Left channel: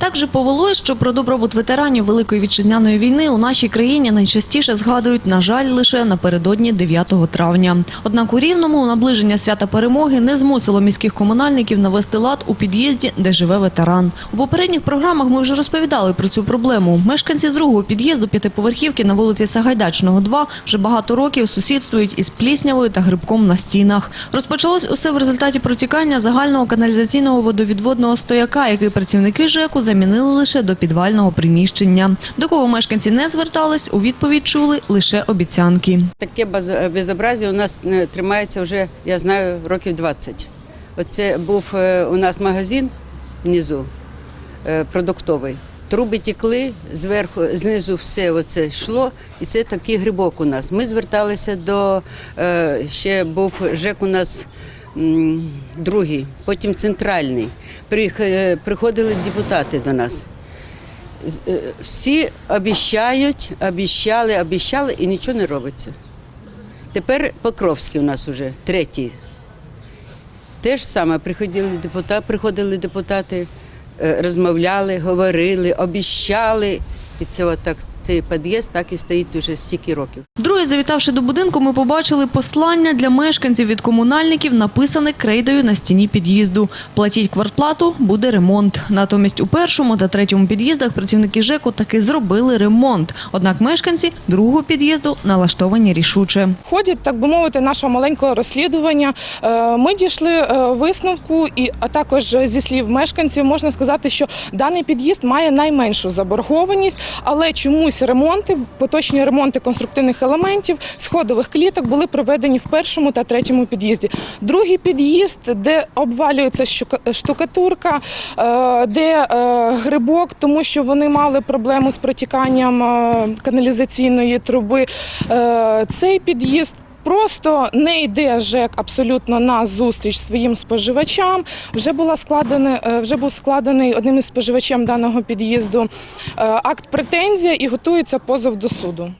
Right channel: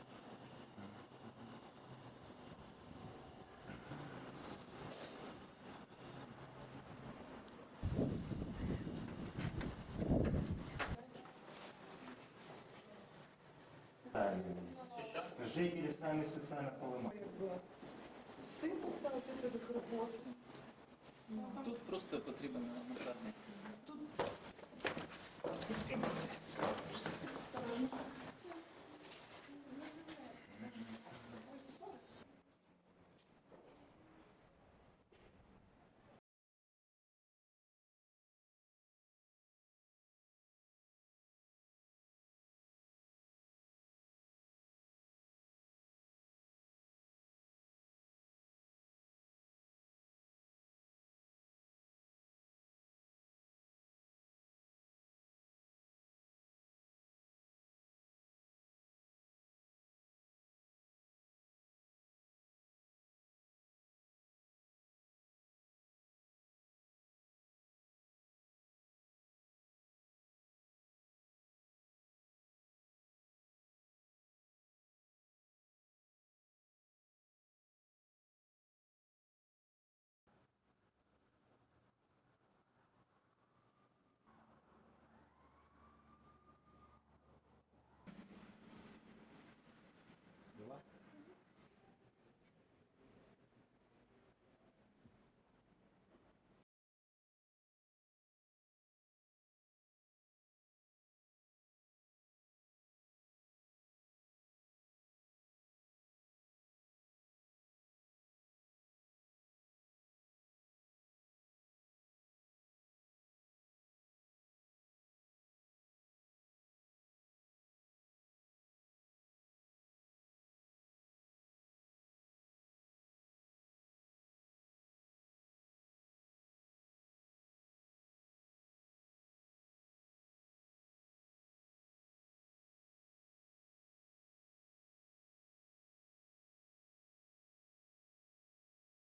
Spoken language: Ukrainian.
Так же повелось, що про добробут ветеранів Великої вітчизняної війни у нашій країні найчастіше згадують, на жаль, лише напередодні 9 травня. Однак у Рівному наближення свята перемоги не змусило міських комунальників навести лад у під'їзді, де живе ветеран. У попередніх програмах ми вже розповідали про цю проблему. Мешканці другого під'їзду п'ятиповерхівки на вулиці Сагайдачного, 2 вже багато років сусідствують із пліснявою та грибком на стінах. Розпочалось усе в результаті протікання загального каналізаційного водовідводного стояка, який працівники ЖЕКу замінили лише до підвального приміщення. До кого мешканці не звертались, у відповідь чули лише обіцянки. Таке безобразие у нас е, тримається вже, я знаю, років 20. Оце був е, у нас магазин внизу е, продуктовий. Труби тікли, зверху, знизу все оце йшло, і це такий грибок у нас. Ми зверталися до ще був ЖЕК у нас другий, потім центральний. Е, Приходили депутати до нас. Е, Всі обіщають, обіщали, обіщали і нічого не робиться. Тепер Покровський у нас уже третій. Те ж саме приходили депутати, приходили депутати, е, розмовляли, говорили, обіщали. І це отак, цей під'їзд так і стоїть уже стільки років. Друге, завітавши до будинку, ми побачили послання для мешканців від комунальників, написане крейдою на стіні під'їзду. Платіть квартплату, буде ремонт. Натомість у першому та третьому під'їздах працівники ЖЕКу таки зробили ремонт. Однак мешканці другого під'їзду налаштовані рішуче. В ході, так би мовити, нашого маленького розслідування е, ми дійшли е, висновку, і а також зі слів мешканців можна сказати, що даний під'їзд має найменшу заборгованість, але чомусь ремонти, поточні ремонти конструктивних елементів, сходових кліток були проведені в першому та третьому під'їзді. Другий під'їзд, де обвалюється штукатурка, е, де е, грибок, тому що вони мали проблему з протіканням е, каналізаційної труби. Цей під'їзд. Просто не йде ЖЕК абсолютно на зустріч своїм споживачам. Вже була складена, е, вже був складений одним із споживачем даного під'їзду е, акт претензія і готується позов до суду.